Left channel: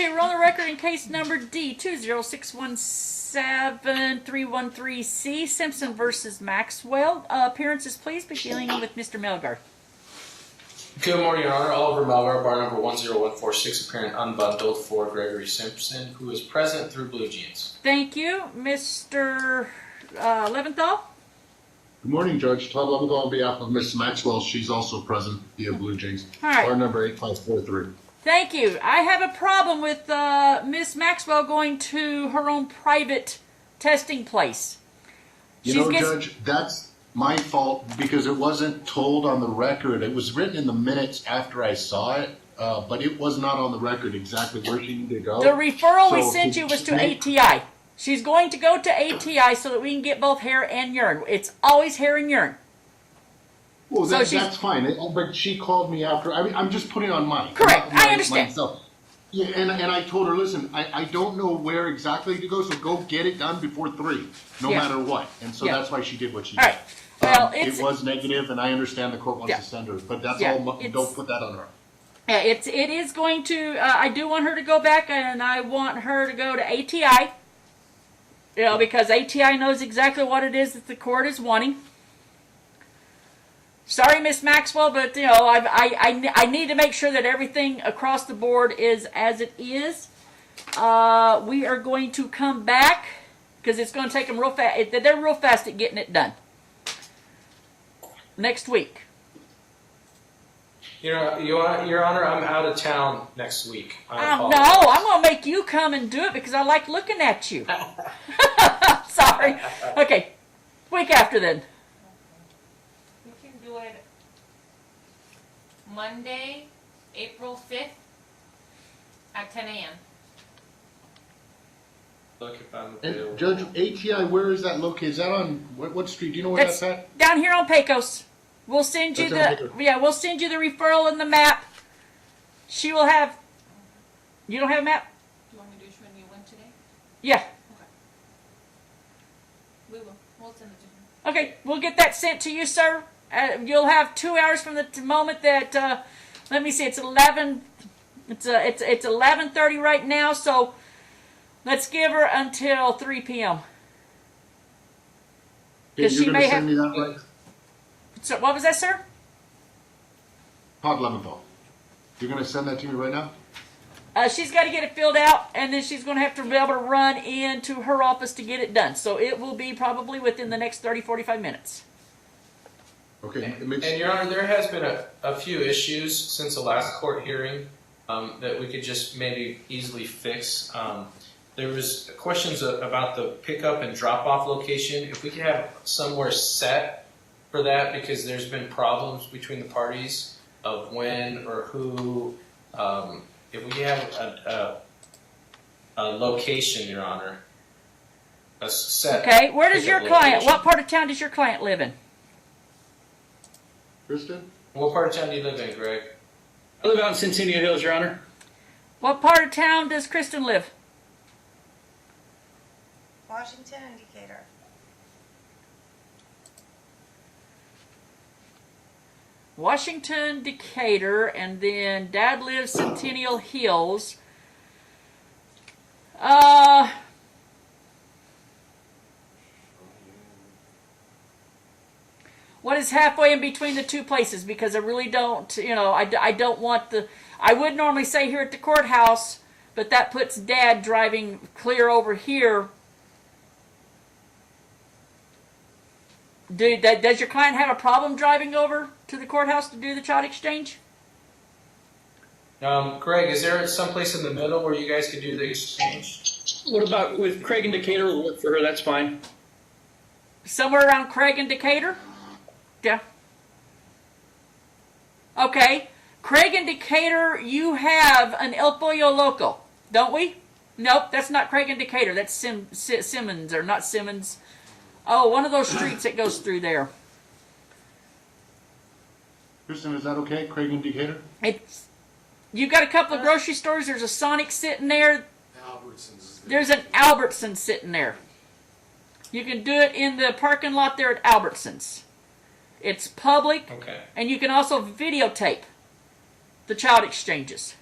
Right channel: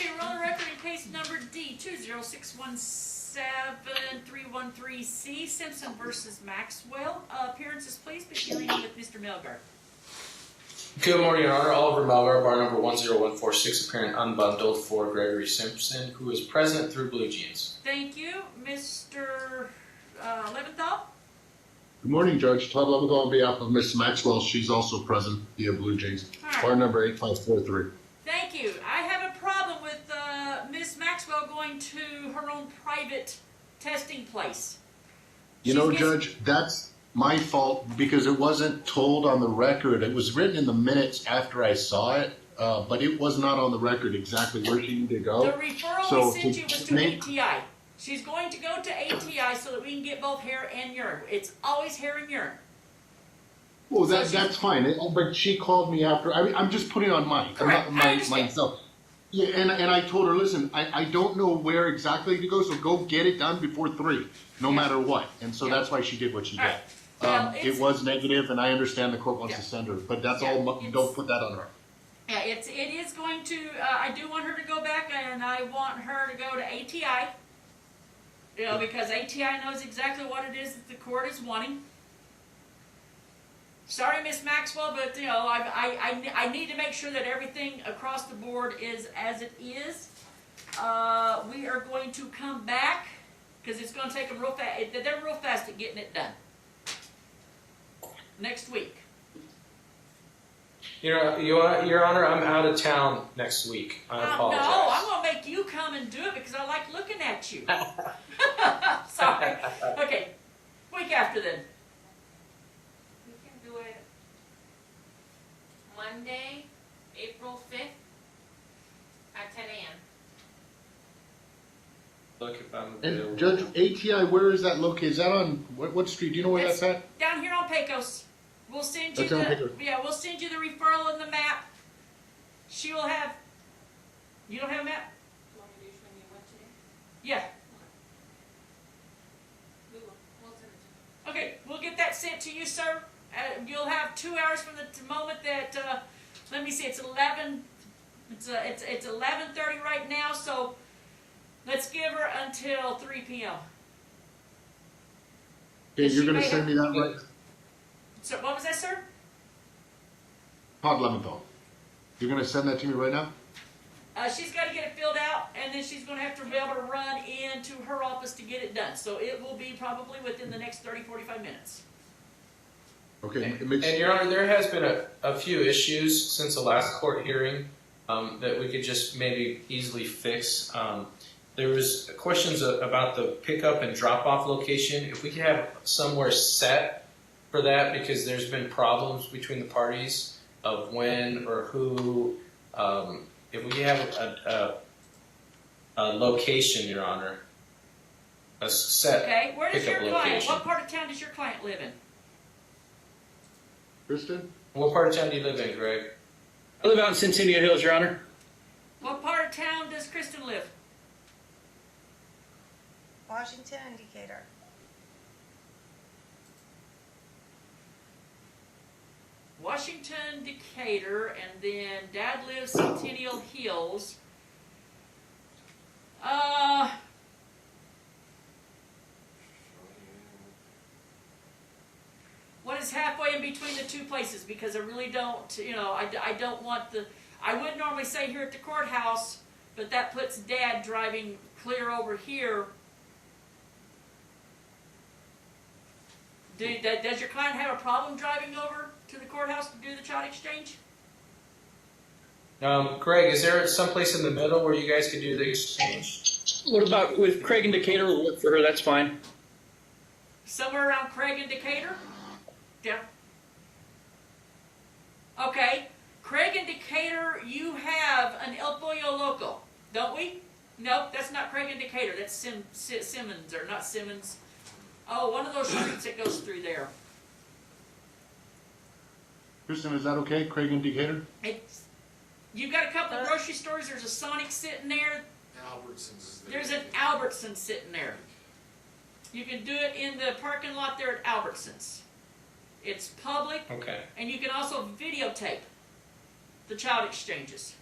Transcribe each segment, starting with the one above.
Okay, we're on the record in case number D20617-313C, Simpson versus Maxwell. Appearances, please, beginning with Mr. Melgar. Good morning, Your Honor. Oliver Melgar, bar number 10146, appearing unbundled for Gregory Simpson, who is present through Blue Jeans. Thank you. Mr. Leventhal? Good morning, Judge. Todd Leventhal on behalf of Miss Maxwell. She's also present via Blue Jeans. All right. Bar number 8543. Thank you. I have a problem with Miss Maxwell going to her own private testing place. You know, Judge, that's my fault because it wasn't told on the record. It was written in the minutes after I saw it, but it was not on the record exactly where she needed to go. The referral we sent you was to ATI. She's going to go to ATI so that we can get both hair and urine. It's always hair and urine. Well, that's fine. But she called me after. I mean, I'm just putting on mine. Correct. I understand. Myself. Yeah, and I told her, listen, I don't know where exactly to go, so go get it done before 3, no matter what. And so that's why she did what she did. Right. Well, it was negative, and I understand the court wants to send her, but that's all. Don't put that on her. Yeah, it is going to. I do want her to go back, and I want her to go to ATI. You know, because ATI knows exactly what it is that the court is wanting. Sorry, Miss Maxwell, but you know, I need to make sure that everything across the board is as it is. We are going to come back because it's going to take them real fast. They're real fast at getting it done. Next week. Your Honor, I'm out of town next week. I apologize. No, I'm going to make you come and do it because I like looking at you. Sorry. Okay, week after then. Monday, April 5th at 10 a.m. Look if I'm available. And Judge, ATI, where is that located? Is that on what street? Do you know where that's at? Down here on Pecos. We'll send you we'll send you the referral and the map. She will have. You don't have a map? Do you want me to show you when today? Yeah. Okay. We will. We'll send it to you. Okay, we'll get that sent to you, sir. You'll have 2 hours from the moment that. Let me see. It's 11. It's 11:30 right now. So let's give her until 3 p.m. Okay, you're going to send me that right? So what was that, sir? Todd Leventhal. You're going to send that to me right now? She's got to get it filled out, and then she's going to have to be able to run into her office to get it done. So it will be probably within the next 30, 45 minutes. Okay. And Your Honor, there has been a few issues since the last court hearing that we could just maybe easily fix. There was questions about the pickup and drop-off location. If we could have somewhere set for that, because there's been problems between the parties of when or who. If we have a location, Your Honor, a set. Okay, where does your client? Location. What part of town does your client live in? Kristen? What part of town do you live in, Greg? I live out in Centennial Hills, Your Honor. What part of town does Kristen live? Washington and Decatur. Washington, Decatur, and then Dad lives Centennial Hills. What is halfway in between the two places? Because I really don't, you know, I don't want the. I would normally say here at the courthouse, but that puts Dad driving clear over here. Does your client have a problem driving over to the courthouse to do the child exchange? Greg, is there someplace in the middle where you guys could do the exchange? What about with Craig and Decatur? We'll look for her. That's fine. Somewhere around Craig and Decatur? Yeah. Okay. Craig and Decatur, you have an El Pollo Loco, don't we? Nope, that's not Craig and Decatur. That's Simmons, or not Simmons. Oh, one of those streets that goes through there. Kristen, is that okay? Craig and Decatur? You've got a couple of grocery stores. There's a Sonic sitting there. Albertsons. There's an Albertsons sitting there. You can do it in the parking lot there at Albertsons. It's public, Okay. and you can also videotape the child exchanges.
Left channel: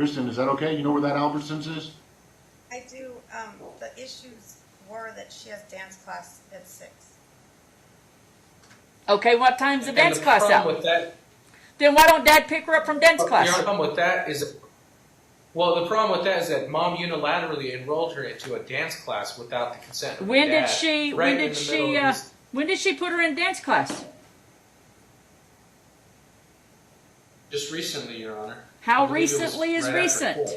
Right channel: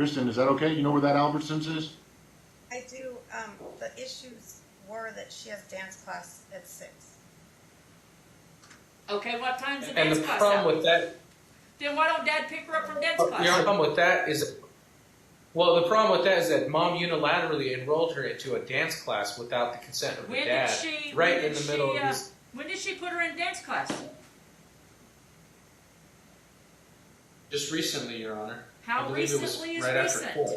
Kristen, is that okay? You know where that Albertsons is? I do, the issues were that she has dance class at 6. Okay, what time's the And dance the class problem out? with that, Then why don't Dad pick her up from dance class? the problem with that is, well, the problem with that is that Mom unilaterally enrolled her into a dance class without the consent of her When dad. did she? Right When in did the middle she? of this. When did she put her in dance class? Just recently, Your Honor. How I believe it was recently is right after recent? court.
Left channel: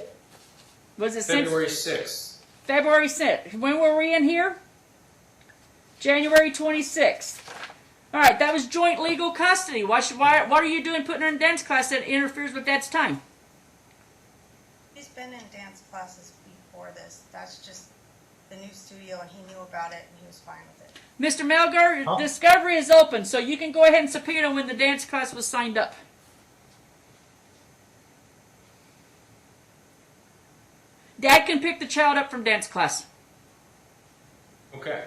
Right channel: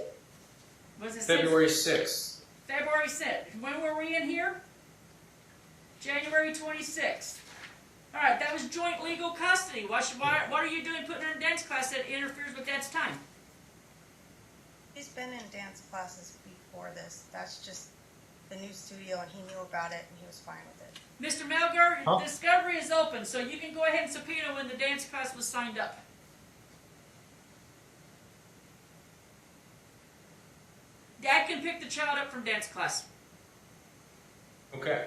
Was it February since 6th. February 6th? When were we in here? January 26th. All right, that was joint legal custody. What are you doing putting her in dance class that interferes with Dad's time? She's been in dance classes before this. That's just the new studio, and he knew about it, and he was fine with it. Mr. Melgar, Huh? discovery is open, so you can go ahead and subpoena when the dance class was signed up. Dad can pick the child up from dance class. Okay.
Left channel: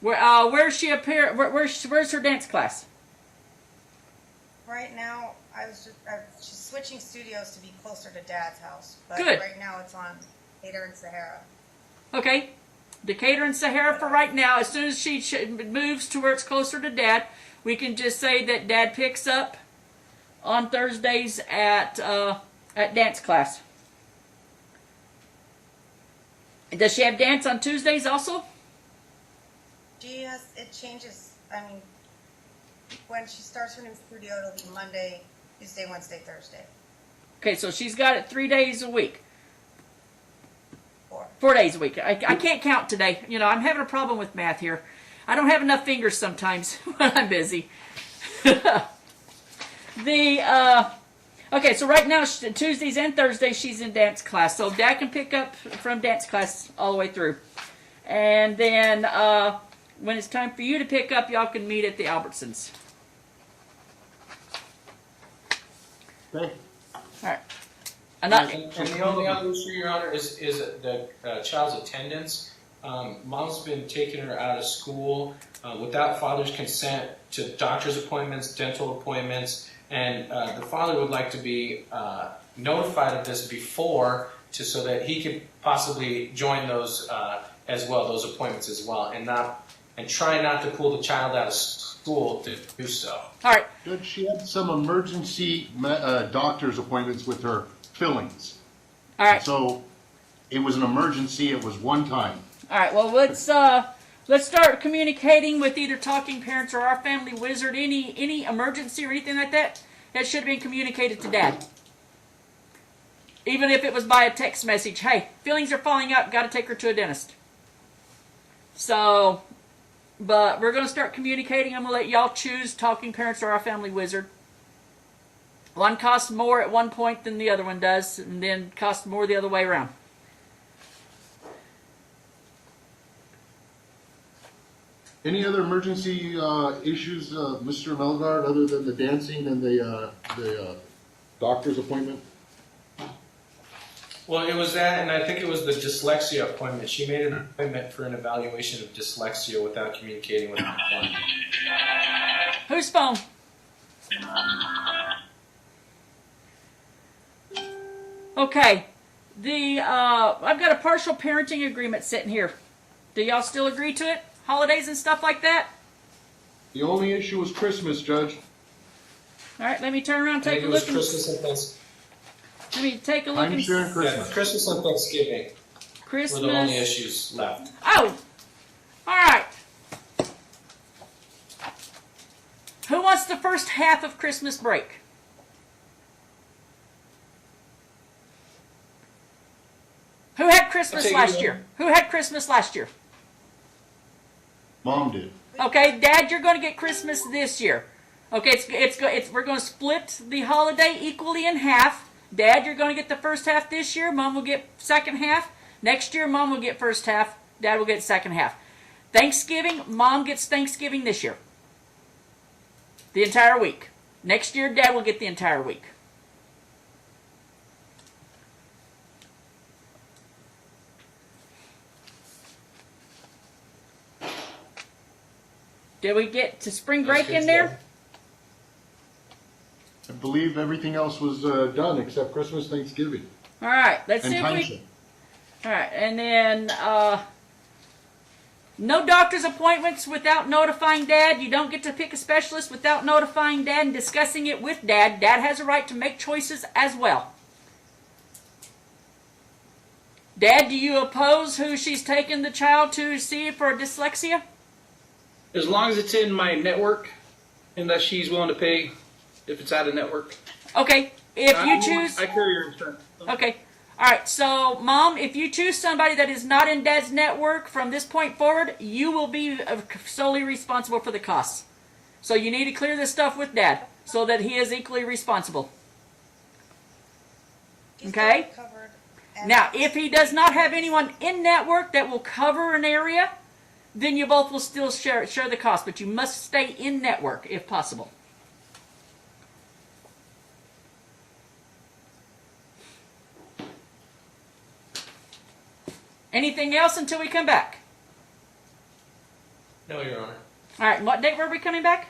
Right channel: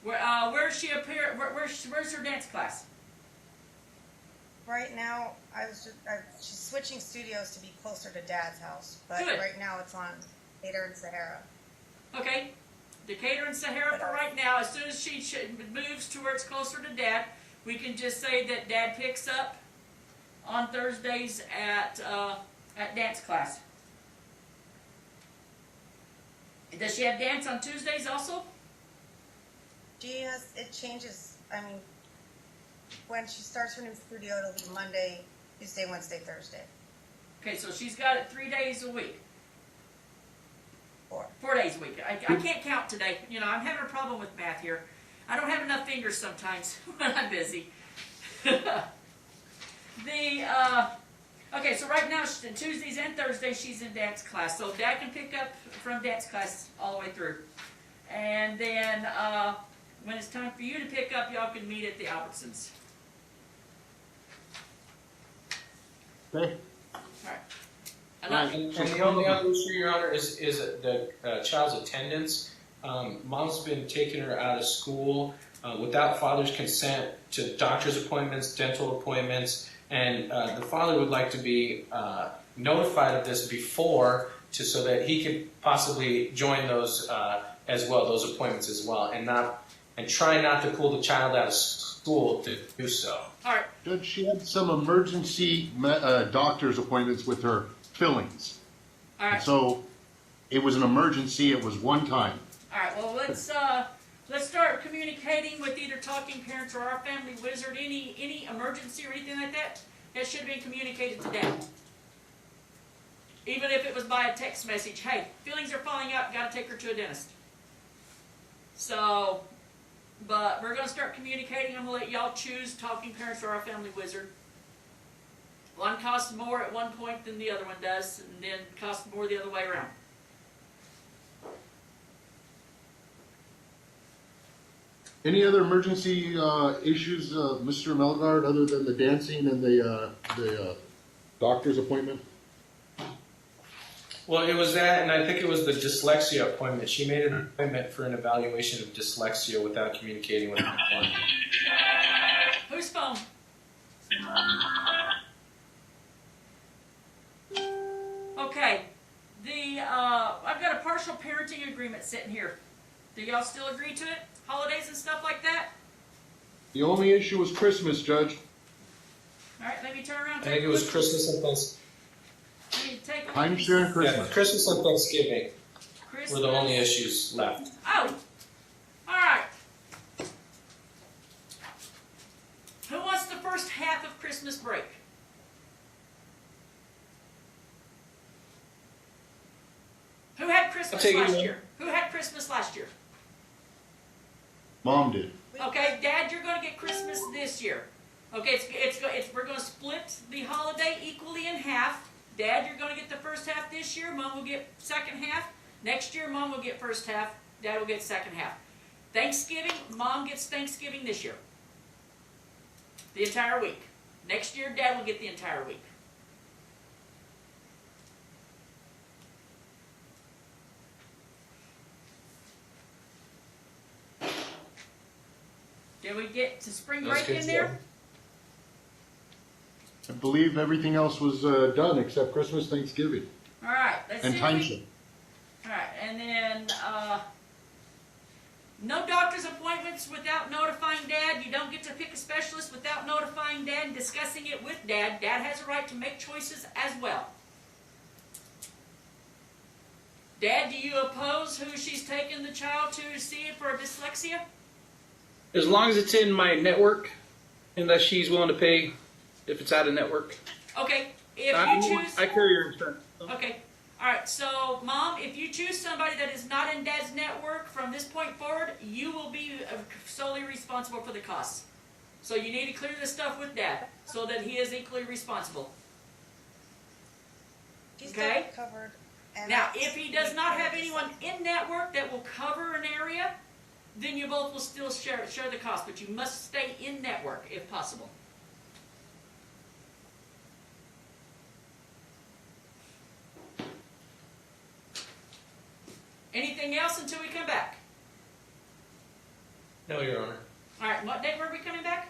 Where's she appear? Where's her dance class? Right now, she's switching studios to be closer to Dad's house, but Good. right now it's on Hader and Sahara. Okay, Decatur and Sahara for right now. As soon as she moves to where it's closer to Dad, we can just say that Dad picks up on Thursdays at dance class. And does she have dance on Tuesdays also? It changes, I mean, when she starts her new studio, it'll be Monday, Tuesday, Wednesday, Thursday. Okay, so she's got it 3 days a week. 4. 4 days a week. I can't count today. You know, I'm having a problem with math here. I don't have enough fingers sometimes when I'm busy. Okay, so right now, Tuesdays and Thursdays, she's in dance class. So Dad can pick up from dance class all the way through. And then when it's time for you to pick up, y'all can meet at the Albertsons. Okay. All right. And the only other issue, Your Honor, is the child's attendance. Mom's been taking her out of school without father's consent to doctor's appointments, dental appointments, and the father would like to be notified of this before, so that he could possibly join those as well, those appointments as well, and try not to pull the child out of school to do so. All right. Judge, she had some emergency doctor's appointments with her fillings. All right. So it was an emergency. It was one time. All right. Well, let's start communicating with either Talking Parents or our Family Wizard. Any emergency or anything like that, that should have been communicated to Dad. Even if it was by a text message. Hey, feelings are falling out. Got to take her to a dentist. So, but we're going to start communicating. I'm going to let y'all choose Talking Parents or our Family Wizard. One costs more at one point than the other one does, and then costs more the other way around. Any other emergency issues, Mr. Melgard, other than the dancing and the doctor's appointment? Well, it was that, and I think it was the dyslexia appointment. She made an appointment for an evaluation of dyslexia without communicating with the appointment. Whose phone? Okay. I've got a partial parenting agreement sitting here. Do y'all still agree to it? Holidays and stuff like that? The only issue was Christmas, Judge. All right, let me turn around and I take think a it was look. Christmas and Thanksgiving. Let me take a look. I'm sharing Yeah, Christmas. Christmas and Thanksgiving Christmas. were the only issues left. Oh! All right. Who wants the first half of Christmas break? Who had Christmas take it, last Mom. year? Who had Christmas last year? Mom did. Okay, Dad, you're going to get Christmas this year. Okay, we're going to split the holiday equally in half. Dad, you're going to get the first half this year. Mom will get second half. Next year, Mom will get first half. Dad will get second half. Thanksgiving, Mom gets Thanksgiving this year. The entire week. Next year, Dad will get the entire week. Did we get to spring break That's in good there? stuff. I believe everything else was done except Christmas, Thanksgiving. All right, let's And see if we. timeshare. All right, and then no doctor's appointments without notifying Dad. You don't get to pick a specialist without notifying Dad and discussing it with Dad. Dad has a right to make choices as well. Dad, do you oppose who she's taking the child to see for dyslexia? As long as it's in my network, unless she's willing to pay if it's out of network. Okay, if you choose. I carry your insurance. Okay. All right. So, Mom, if you choose somebody that is not in Dad's network from this point forward, you will be solely responsible for the costs. So you need to clear this stuff with Dad so that he is equally responsible. She's Okay. still covered. And Now, if he does not have anyone in network that will cover an area, then you both will still share the cost, but you must stay in network if possible. Anything else until we come back? No, Your Honor. All right, what date were we coming back?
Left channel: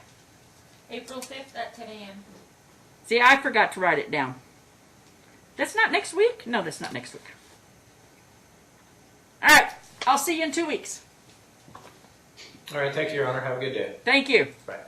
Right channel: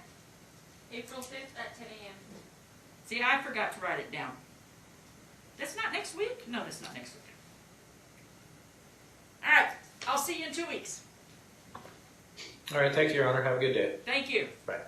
April 5th at 10 a.m. See, I forgot to write it down. That's not next week? No, that's not next week. All right, I'll see you in 2 weeks. All right, thank you, Your Honor. Have a good day. Thank you. Bye.